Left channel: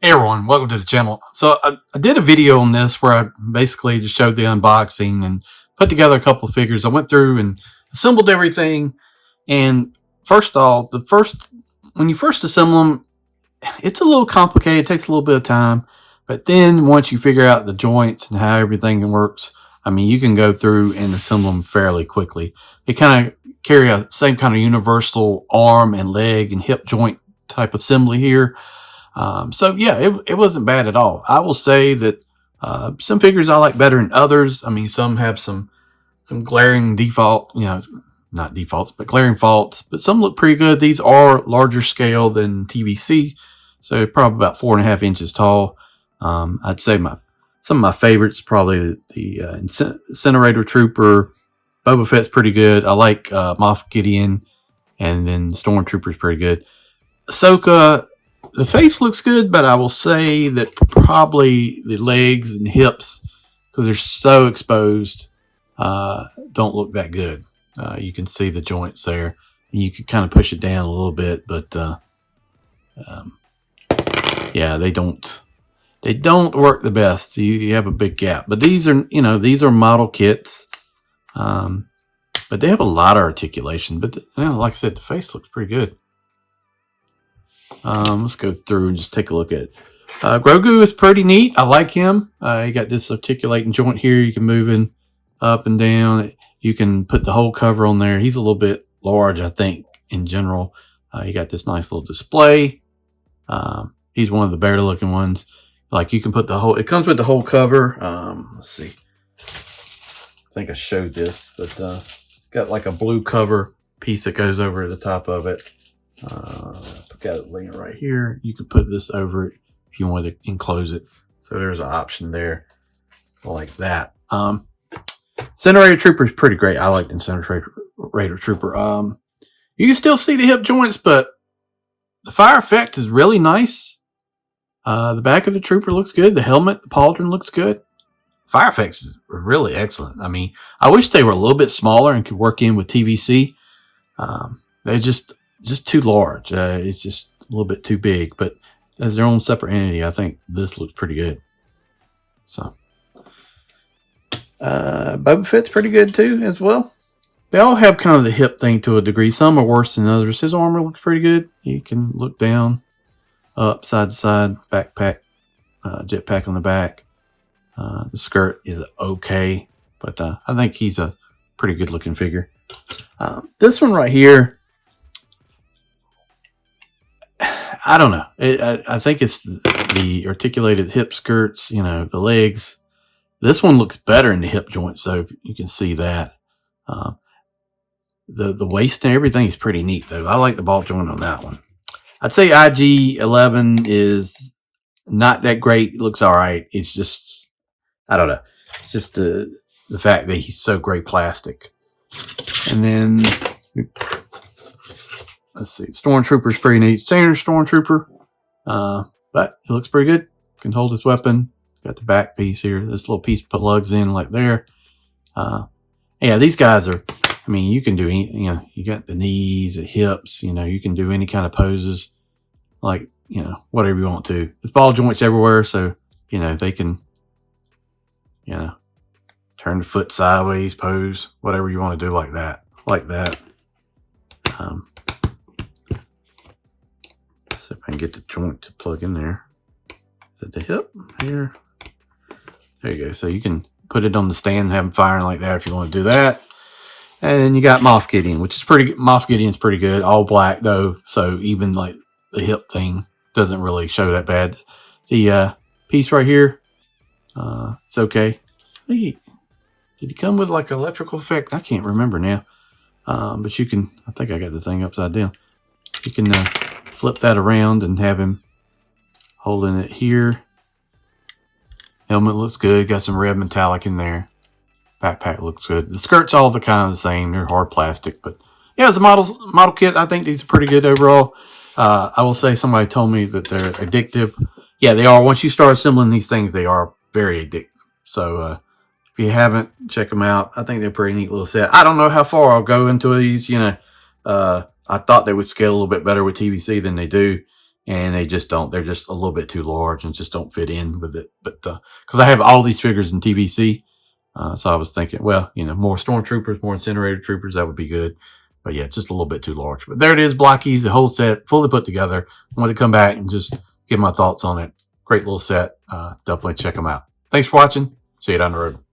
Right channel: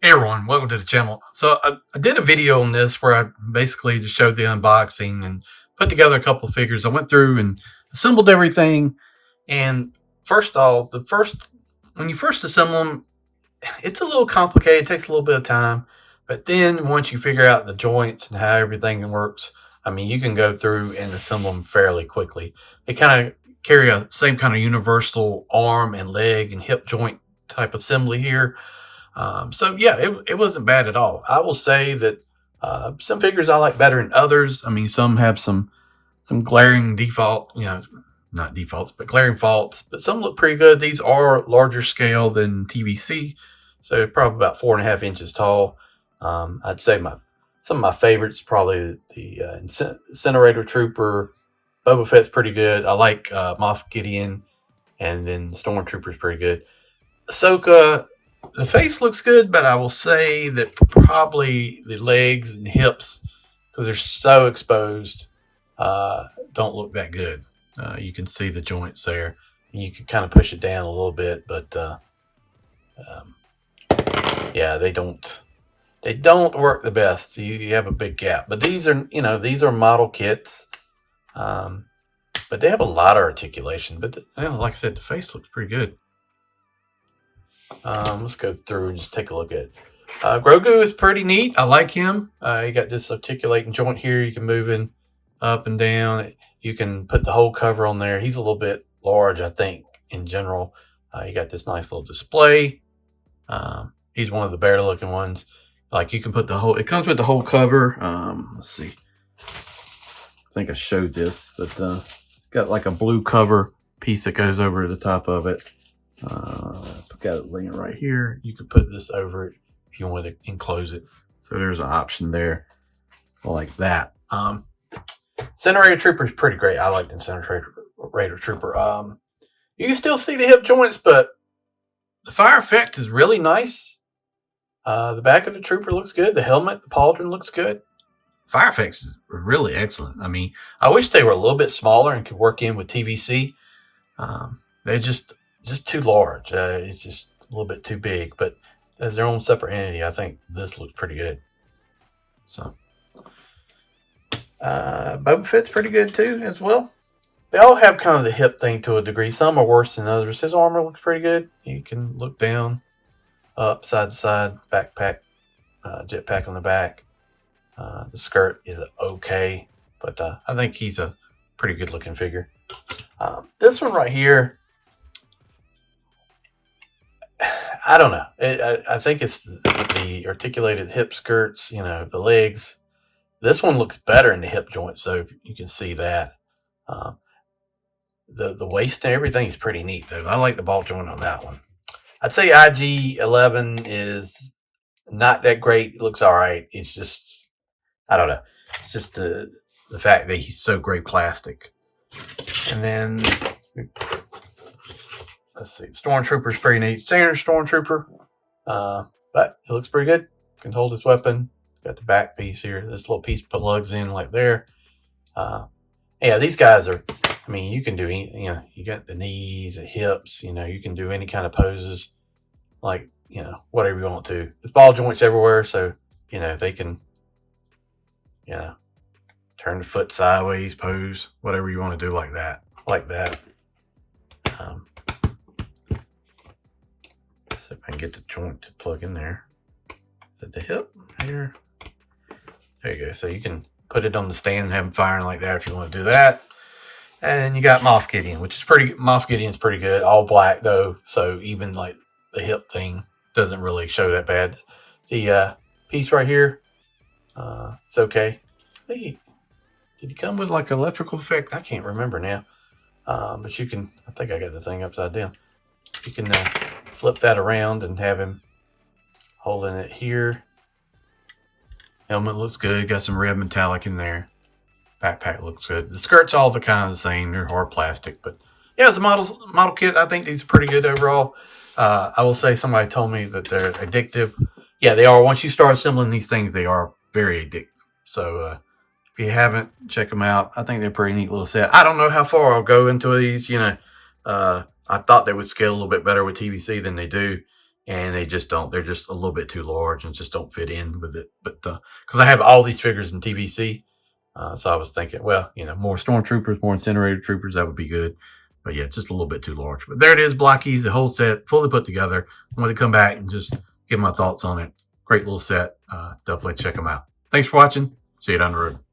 Hey everyone, welcome to the channel. So I did a video on this where I basically just showed the unboxing and put together a couple of figures. I went through and assembled everything. And first off, when you first assemble them, it's a little complicated. It takes a little bit of time. But then once you figure out the joints and how everything works, I mean, you can go through and assemble them fairly quickly. They kind of carry a same kind of universal arm and leg and hip joint type assembly here. So yeah, it wasn't bad at all. I will say that some figures I like better than others. I mean, some have some glaring default, not defaults, but glaring faults. But some look pretty good. These are larger scale than TVC, so probably about 4.5 inches tall. I'd say some of my favorites probably the Incinerator Trooper. Boba Fett's pretty good. I like Moff Gideon, and then Stormtrooper's pretty good. Ahsoka, the face looks good, but I will say that probably the legs and hips, because they're so exposed, don't look that good. You can see the joints there. You can kind of push it down a little bit, but um, yeah, they don't work the best. You have a big gap. But these are model kits, but they have a lot of articulation. But like I said, the face looks pretty good. Let's go through and just take a look at it. Grogu is pretty neat. I like him. You got this articulating joint here. You can move in up and down. You can put the whole cover on there. He's a little bit large, I think, in general. You got this nice little display. He's one of the better looking ones. Like you can put the whole, it comes with the whole cover. Let's see. I think I showed this, but got like a blue cover piece that goes over the top of it. Got it laying right here. You can put this over it if you want to enclose it. So there's an option there like that. Incinerator Trooper is pretty great. I like the Incinerator Trooper. You can still see the hip joints, but the fire effect is really nice. The back of the Trooper looks good. The helmet, the pauldron looks good. Fire effects is really excellent. I mean, I wish they were a little bit smaller and could work in with TVC. They're just too large. It's just a little bit too big, but as their own separate entity, I think this looks pretty good. So Boba Fett's pretty good too as well. They all have kind of the hip thing to a degree. Some are worse than others. His armor looks pretty good. You can look down, up, side to side, backpack, jetpack on the back. The skirt is okay, but I think he's a pretty good looking figure. This one right here, I don't know. I think it's the articulated hip skirts, the legs. This one looks better in the hip joint, so you can see that. The waist and everything is pretty neat, though. I like the ball joint on that one. I'd say IG-11 is not that great. It looks all right. It's just, I don't know. It's just the fact that he's so great plastic. And then let's see, Stormtrooper is pretty neat. Standard Stormtrooper, but he looks pretty good. Can hold his weapon. Got the back piece here. This little piece plugs in like there. Yeah, these guys are, I mean, you can do, you got the knees, the hips, you can do any kind of poses, like, whatever you want to. There's ball joints everywhere, so, they can, turn the foot sideways, pose, whatever you want to do like that. See if I can get the joint to plug in there. Is it the hip here? There you go. So you can put it on the stand and have them firing like that if you want to do that. And then you got Moff Gideon, which is Moff Gideon's pretty good. All black though, so even like the hip thing doesn't really show that bad. The piece right here, it's okay. Did he come with like an electrical effect? I can't remember now. But you can, I think I got the thing upside down. You can flip that around and have him holding it here. Helmet looks good. Got some red metallic in there. Backpack looks good. The skirt's all the kind of the same. They're hard plastic, but yeah, as a model kit, I think these are pretty good overall. I will say somebody told me that they're addictive. Yeah, they are. Once you start assembling these things, they are very addictive. So if you haven't, check them out. I think they're a pretty neat little set. I don't know how far I'll go into these. I thought they would scale a little bit better with TVC than they do. and they just don't. They're just a little bit too large and just don't fit in with it. But because I have all these figures in TVC, so I was thinking, well, more Stormtroopers, more Incinerator Troopers, that would be good. But yeah, it's just a little bit too large. But there it is, Blockies, the whole set, fully put together. I wanted to come back and just give my thoughts on it. Great little set. Definitely check them out. Thanks for watching. See you down the road.